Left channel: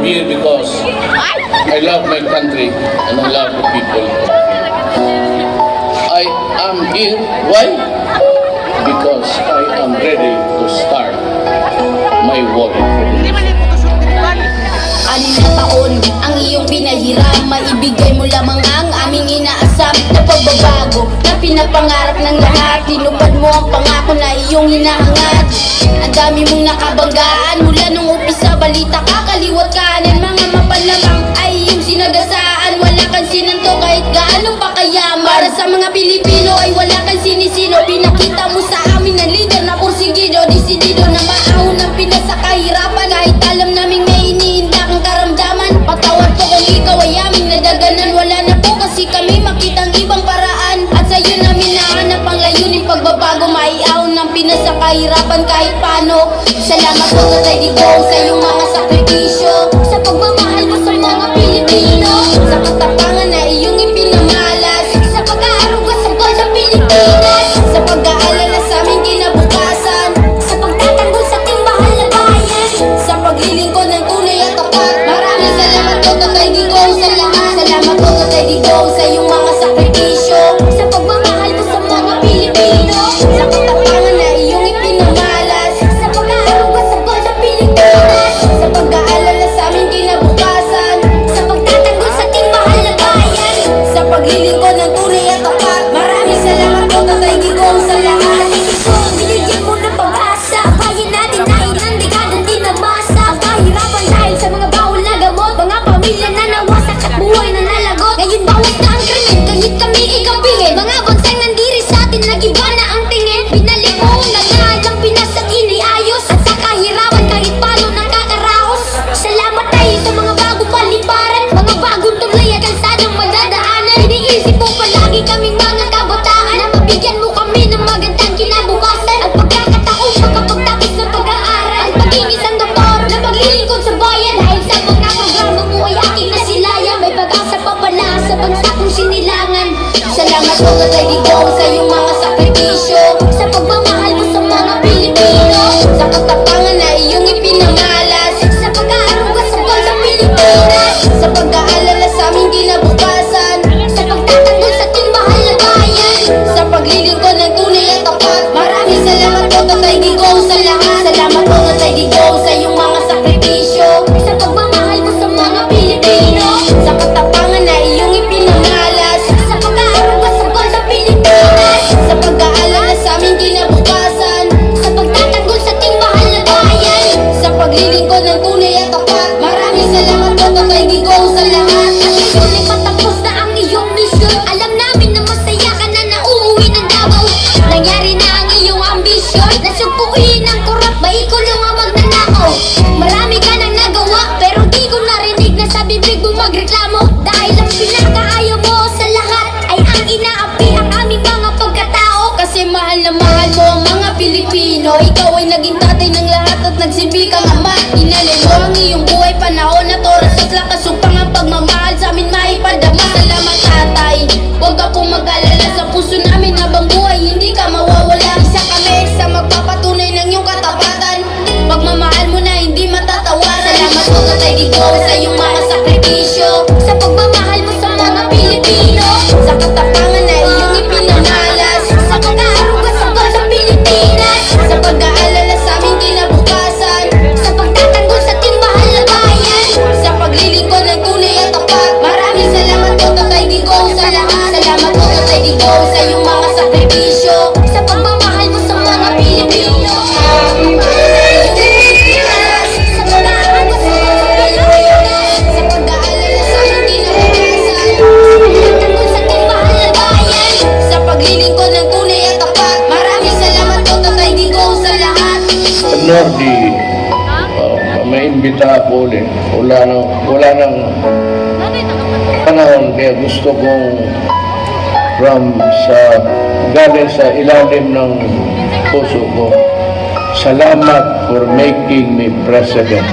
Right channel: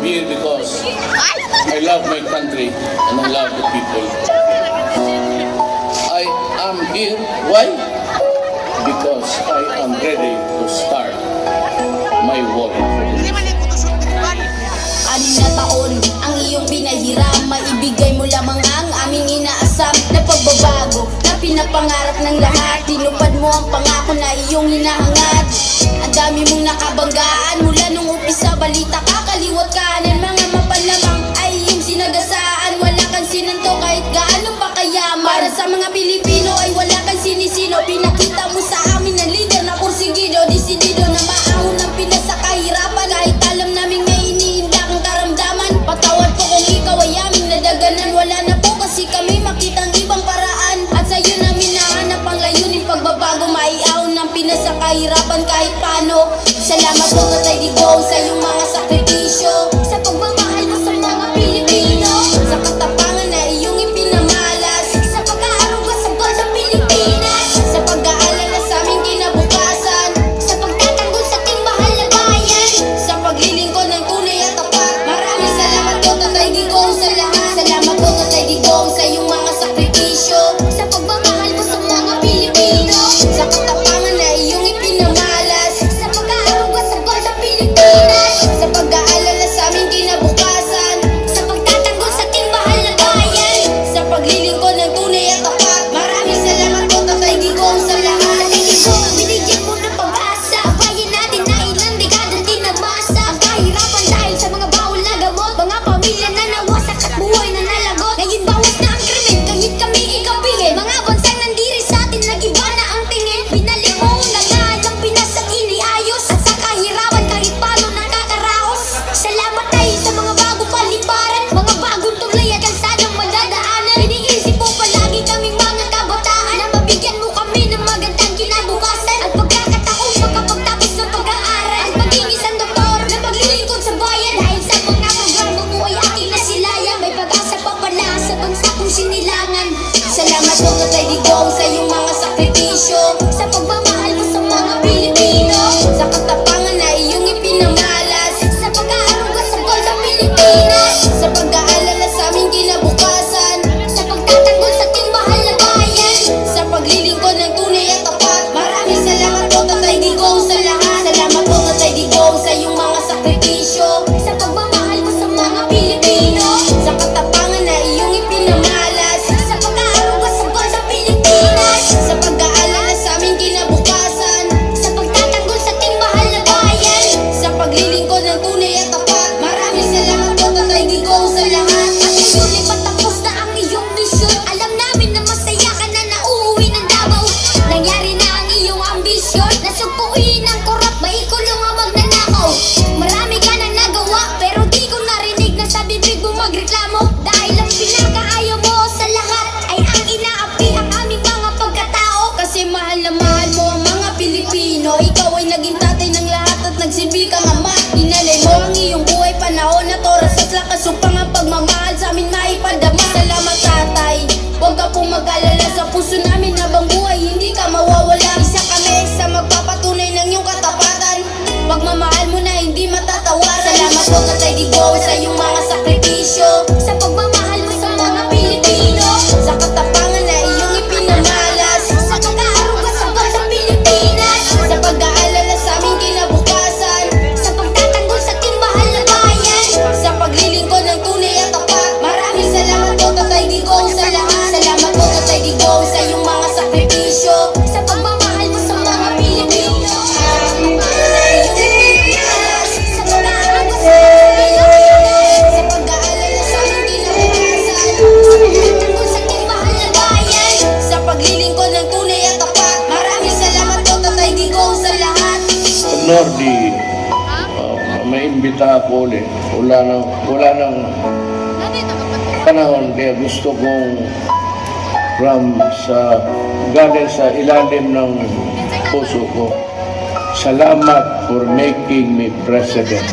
I'm here because I love my country and I love the people. I am here. Why? Because I am ready to start my war. Anim na taon ang iyong pinahiram, maibigay mo lamang ang aming inaasam na pagbabago na pinapangarap ng lahat. Tinupad mo ang pangako na iyong hinahangad. Ang dami mong nakabanggaan mula nung umpisa, balita ka kaliwat kanan, mga mapanlamang ay iyong sinagasaan. Wala kang sinanto kahit gaano pa kayaman. Para sa mga Pilipino ay wala kang sinisino. Pinakita mo sa amin na leader na porsigido, disidido na maahon ng Pinas sa kahirapan. Kahit alam naming may iniinda kang karamdaman, patawad po kung ikaw ay aming nadaganan. Wala na po kasi kami makitang ibang paraan, at sa'yo namin nahanap ang layunin pagbabago. Maiahon ng Pinas sa kahirapan kahit paano. Salamat po Tatay Digong sa iyong mga sakripisyo, sa pagmamahal mo sa mga Pilipino, sa katapangan na iyong ipinamalas, sa pag-aaruga sa bansang Pilipinas, sa pag-aalala sa aming kinabukasan, sa pagtatanggol sa ating mahal na bayan, sa paglilingkod ng tunay at tapat. Maraming salamat po Tatay Digong sa lahat. Salamat po Tatay Digong sa iyong mga sakripisyo, sa pagmamahal mo sa mga Pilipino, sa katapangan na iyong ipinamalas, sa pag-aaruga sa bansang Pilipinas, sa pag-aalala sa aming kinabukasan, sa pagtatanggol sa ating mahal na bayan, sa paglilingkod ng tunay at tapat. Maraming salamat po Tatay Digong sa lahat. Binigyan mo ng pag-asa bayan natin na ilang dekadang tinamasa ang kahirapan dahil sa mga bawal na gamot, mga pamilya na nawasak at buhay na nalagot. Ngayon bawas na ang krimen kahit kami ikapihin, mga bansang nandiri sa atin nag-iba na ang tingin. Binalik mo ang ganahan ng Pinas at iniayos, at sa kahirapan kahit paano nakakaraos. Salamat tayo sa mga bagong paliparan, mga bagong tulay at kalsadang madadaanan. Iniisip mo palagi kaming mga kabataan na mabigyan mo kami ng magandang kinabukasan at pagkakataong makapagtapos ng pag-aaral, at maging isang doktor na maglilingkod sa bayan. Dahil sa mga programa mo ay aking nasilayan, may pag-asa pa pala sa bansa kong sinilangan. Salamat po Tatay Digong sa iyong mga sakripisyo, sa pagmamahal mo sa mga Pilipino, sa katapangan na iyong ipinamalas, sa pag-aaruga sa bansang Pilipinas, sa pag-aalala sa aming kinabukasan, sa pagtatanggol sa ating mahal na bayan, sa paglilingkod ng tunay at tapat. Maraming salamat po Tatay Digong sa lahat. Salamat po Tatay Digong sa iyong mga sakripisyo, sa pagmamahal mo sa mga Pilipino, sa katapangan na iyong ipinamalas, sa pag-aaruga sa bansang Pilipinas, sa pag-aalala sa aming kinabukasan, sa pagtatanggol sa ating mahal na bayan, sa paglilingkod ng tunay at tapat. Maraming salamat po Tatay Digong sa lahat. At ngayon ay patapos na ang iyong misyon. Alam namin na masaya ka na nauuwi ng Davao. Nangyari na ang iyong ambisyon, nasugpuin ang korap, ba ikaw lang ang magnanakaw. Marami ka nang nagawa pero di ko narinig na sa bibig mo magreklamo. Dahil ang pinakaayaw mo sa lahat ay ang inaapi ang aming mga pagkatao. Kasi mahal na mahal mo ang mga Pilipino, ikaw ay naging tatay ng lahat at nagsilbi kang ama. Inalay mo ang iyong buhay, panahon at oras at lakas upang ang pagmamahal sa amin maipadama. Salamat Tatay, huwag ka pong mag-alala, sa puso namin habang buhay hindi ka mawawala. Isa kami sa magpapatunay ng iyong katapatan, pagmamahal mo na hindi matatawaran. Salamat po Tatay Digong sa iyong mga sakripisyo, sa pagmamahal mo sa mga Pilipino, sa katapangan na iyong ipinamalas, sa pag-aaruga sa bansang Pilipinas, sa pag-aalala sa aming kinabukasan, sa pagtatanggol sa ating mahal na bayan, sa paglilingkod ng tunay at tapat. Maraming salamat po Tatay Digong sa lahat. Salamat po Tatay Digong sa iyong mga sakripisyo, sa pagmamahal mo sa mga Pilipino, sa pag-aaruga sa Pilipinas, sa pag-aalala sa aming kinabukasan, sa pagtatanggol sa ating mahal na bayan, sa paglilingkod ng tunay at tapat. Maraming salamat po Tatay Digong sa lahat. Nordi, may imbita ako ulit. Wala nang panahon, kaya gusto kong galing sa ilalim ng puso ko, salamat for making me president.